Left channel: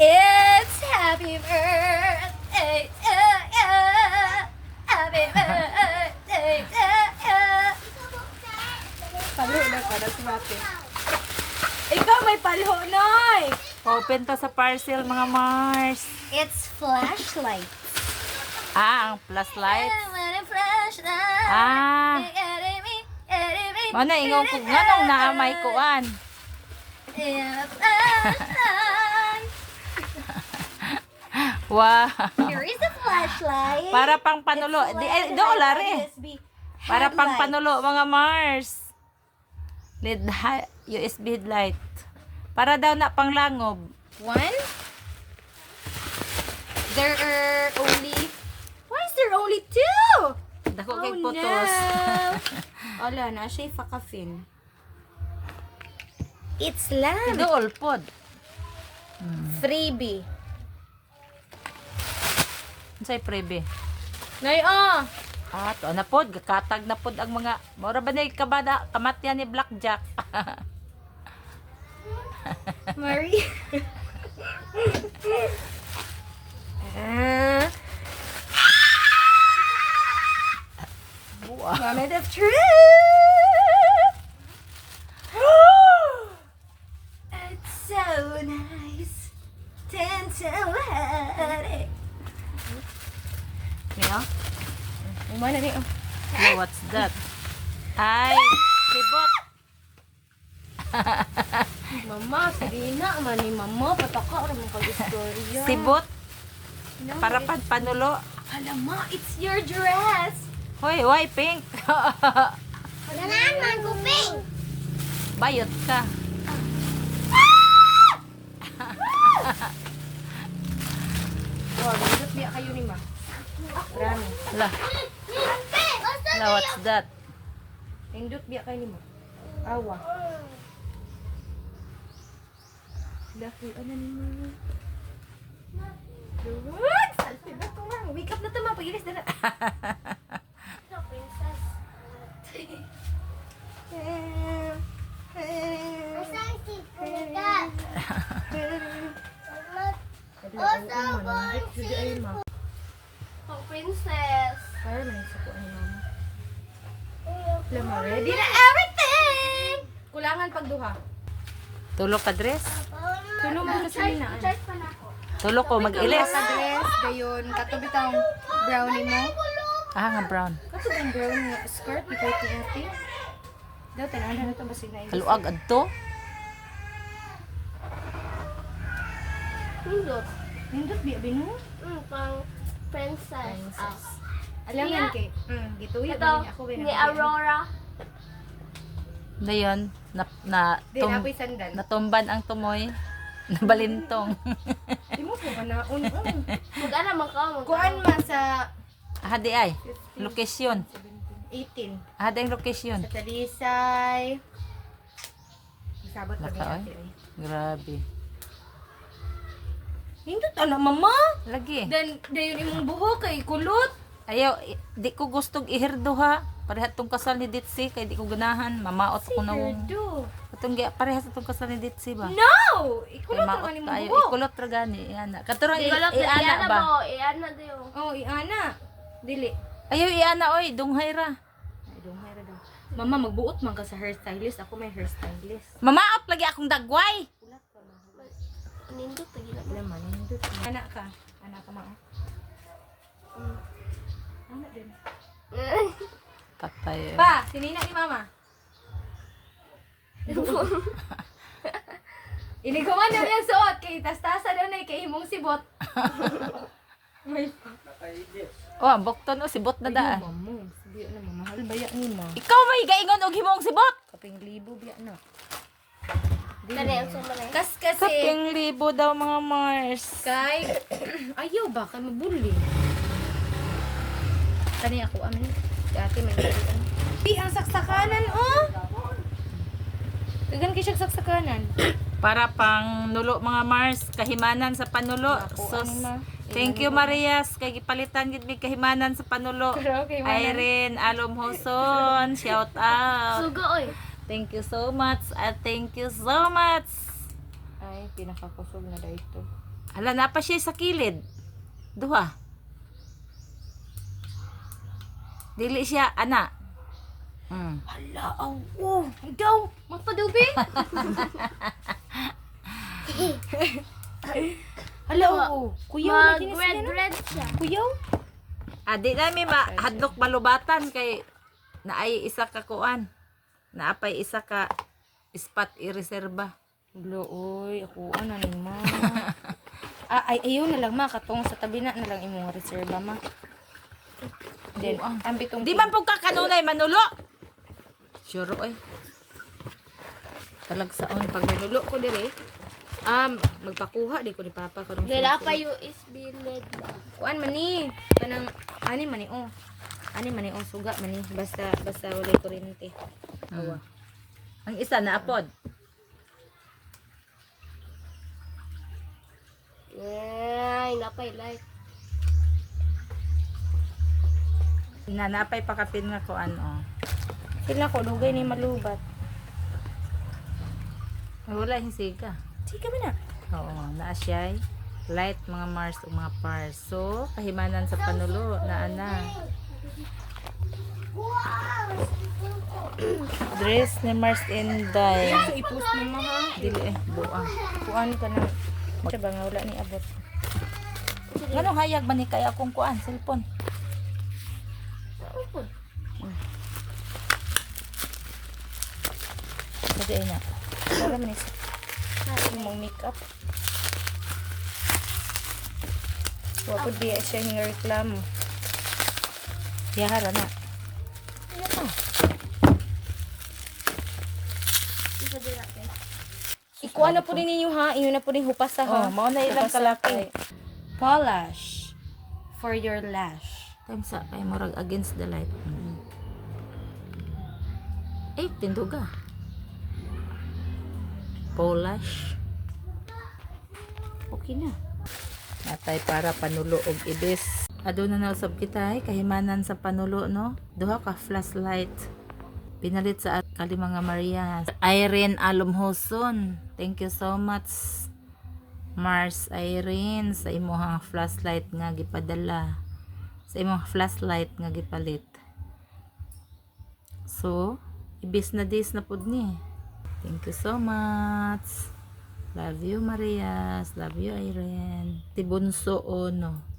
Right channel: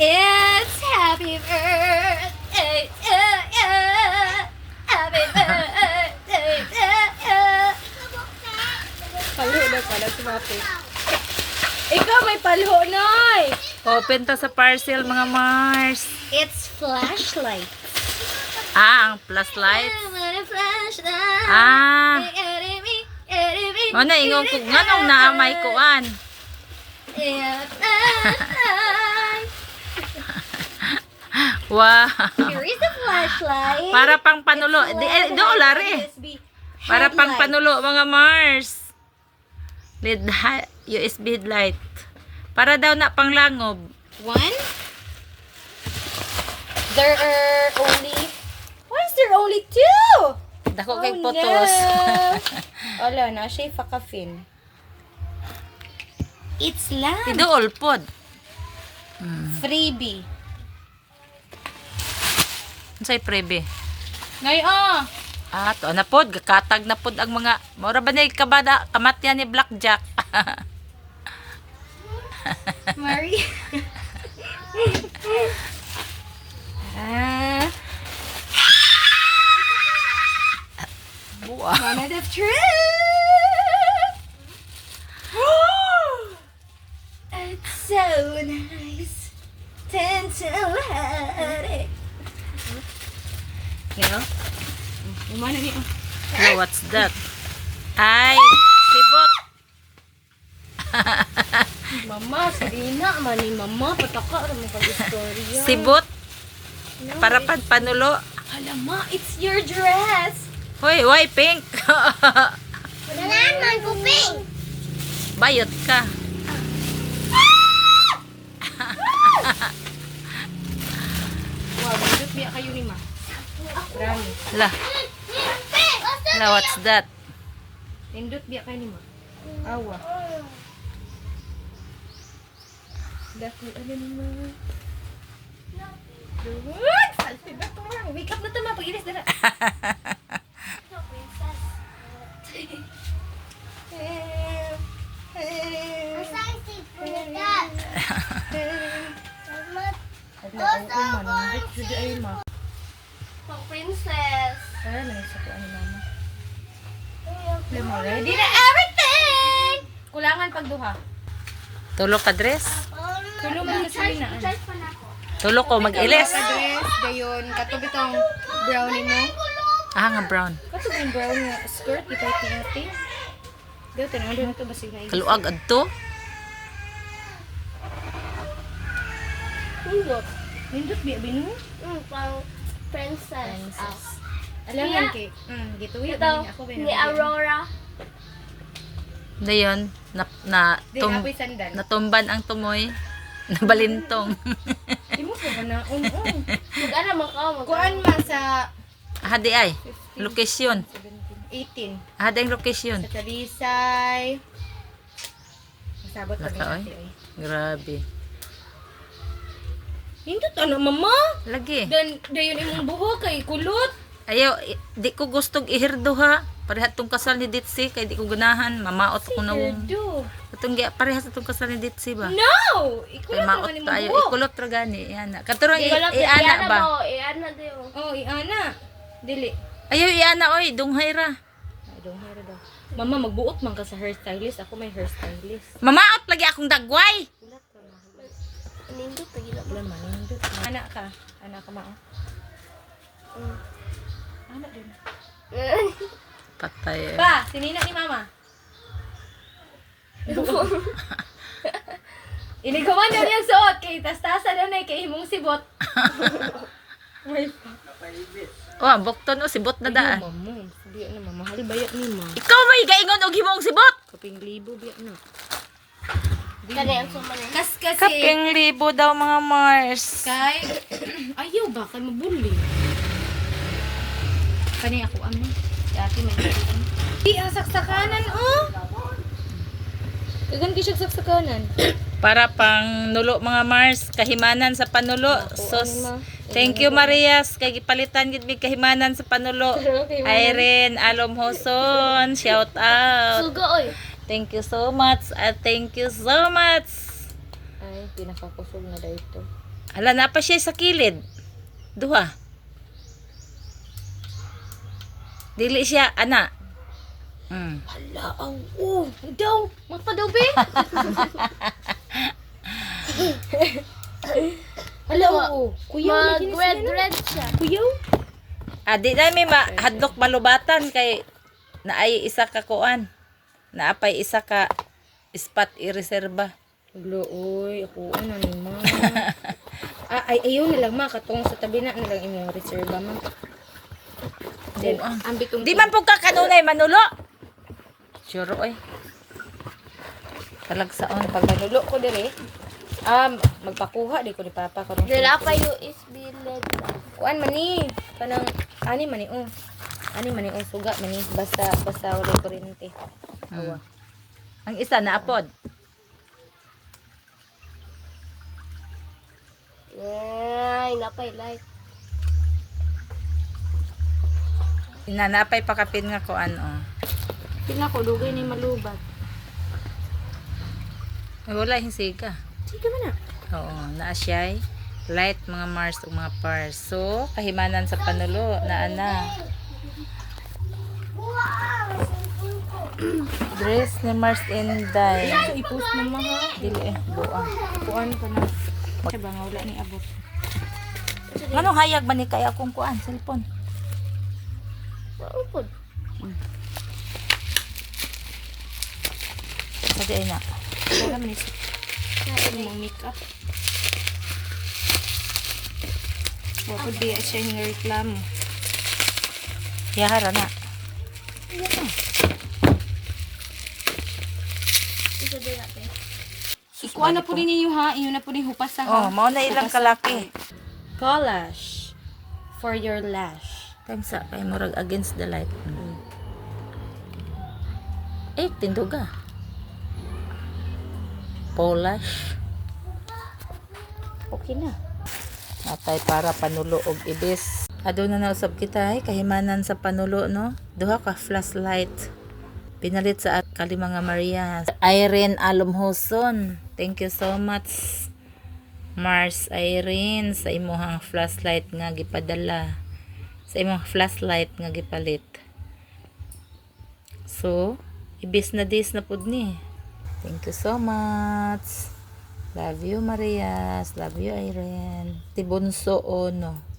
It's happy birthday to you. Happy birthday to you. Palo na pala si Mate. Ikaw may palo, Noy! Open to sa parcel, mga Mars. It's flashlight. Ah, ang plus lights. Flashlight. Ah. Ano na, ingong kung nganong naamay kuan. Wow. Here is the flashlight. Para pang panulo. Dollar. Para pang panulo, mga Mars. USB headlight. Para daw na pang langob. One. There are only... Why is there only two? Dako kay photos. Wala na, siya fakafin. It's lamp. Tidool pod. Freebie. Unsay prebe? Nay, oh. Ah, to na pod, gakatag na pod ang mga mura ba na kabada kamatyan ni Blackjack. Marie. Buwa. One of the truth. It's so nice. Tintin. Yeah. Mana ni? Hello, what's that? Ay, sibot. Mama, Serena, mani mama, pataka ra mo pag-istorya. Sibot. Para panulo. Alama, it's your dress. Hoy, why pink? Kailangan man ko pink. Bayot ka. Wow, bakit biya kayo ni ma? Rani. Hala. Hala, what's that? Nindot biya kayo ni ma. Awa. Dako, ano ni mo? What? Salpid na ko lang. Wake up na tama. Pag-ilis na na. Pang princess. Ay, nagsako ani mama. Ready na everything. Kulangan pagduha. Tulo ka dress? Tulong mo na sa Lina. Tulo ko mag-ilis. Dress, dayon katubi tong brownie mo. Ah, nga brown. Kato yung brown nga skirt ipait ni ate. Gata na na to basig na. Kaluag adto. Nindot. Nindot biya binu? Pang princess. Alam Niya. nga kay. Gituwi Ito, ako ni Aurora. Dayon, Apoy sandal. natumban ang tumoy. Nabalintong. Di mo pa na un-un. Mag-ano man ka? Kuan man sa Hadi ay. Location. 18. Hadi ang location. Sa Talisay. Masabot pa Laka, oy. din. Grabe. Nindot ano mama? Lagi. Dan dayon imong buhok kay kulot. Ayaw, di ko gustong ihirdo ha. Parehas tong kasal ni Ditsi, kay di ko ganahan. Mamaot ko na wong. Do. Itong parehas itong kasal ni Ditsi ba? No! Kay Ikulot maot naman tayo. imong buhok. Ikulot ra gani. Iana. Katuro Iana iana ba? mo. Iana dayo. Oh, iana. Dili. Ayaw iana oy. Dunghay ra. I don't know daw. Mama, magbuot man ka sa hairstylist. Ako may hairstylist. Mamaot lagi akong dagway. Nindot na gila. Wala man, nindot. Anak ka. Anak ka mao. Anak din. Patay. Pa, sinina ni mama. Iniguman daw niyang suot kay tas-tasa daw na kay imong sibot. May pa. Oh, ang bukton o sibot na daan. Mama, di ano mamahal bayat ni ma. Ikaw may gaingon og himong sibot. Kaping libo biya na. Kani ang sumana. Kasi Kaping libo daw mga Mars. kay ayaw ba kay mabuli. Kani ako amo. Dati may galing. Di ang saksakanan oh. Dagan siya saksakanan. Para pang nulo mga Mars, kahimanan sa panulo. Sus. Thank you Marias kay gipalitan gid mig kahimanan sa panulo. Irene Alom Hoson, shout out. Suga oy. Thank you so much. Thank you so much. Ay, pinakakusog na dito. Hala, na pa siya sa kilid. Duha. Dili siya, ana. Hala, oh. Daw. Magpadaw, be. Hala, oo. Kuyaw, Mag-red siya. Kuyaw? Di na may hadlok malubatan kay naay isa ka kuan. Naapay isa ka spot i-reserba. Hala, oy. Ako, ano ma. Ayaw na lang, ma. Katong sa tabi na lang inyong reserva, ma. Ambi kong Di man po ka kanunay manulo. Sure oy. Talagsaon pag Manulo ko dire. Magpakuha di ko ni papa karon. Dila pa yung isbilad. Kuan man ni. Kanang ani man ni Ani man ni suga man ni basta wala kuryente. Ang isa na apod. Ay, napay like. Nanapay pakapin nga kuan oh. Sila ko dugay ni malubat. Ay, wala hinsiga. Sige man na. Oo, naa siya'y light mga Mars ug mga pars. So, kahimanan sa panulo na ana. Dress ni Mars Inday. So i-post man na ha. Dili buang. Kuan ka na. Siya ba nga wala ni abot. Nganong hayag ba ni kay akong kuan cellphone? Maupod. Pwede ay na. Wala man ni mo makeup. Wa ko di siya nga reklamo. Yahara na. Isa din natin. Ikuha na po rin ninyo ha. Iyo na po rin hupasan ha. Oh, mao na ilang kalaki. Polish for your lash. Time sa kay murag against the light. Tinduga. Polish. Okay na. Natay para panulo og ibis. Aduna na usab kita kahimanan sa panulo no. Duha ka flashlight. Pinalit sa kali mga Maria. Irene Alomhoson. Thank you so much. Mars Irene sa imong flashlight nga gipadala. Sa imong flashlight nga gipalit. So, ibis na dis na pud ni. Thank you so much. Love you Marias. Love you Irene. Tibunso ono.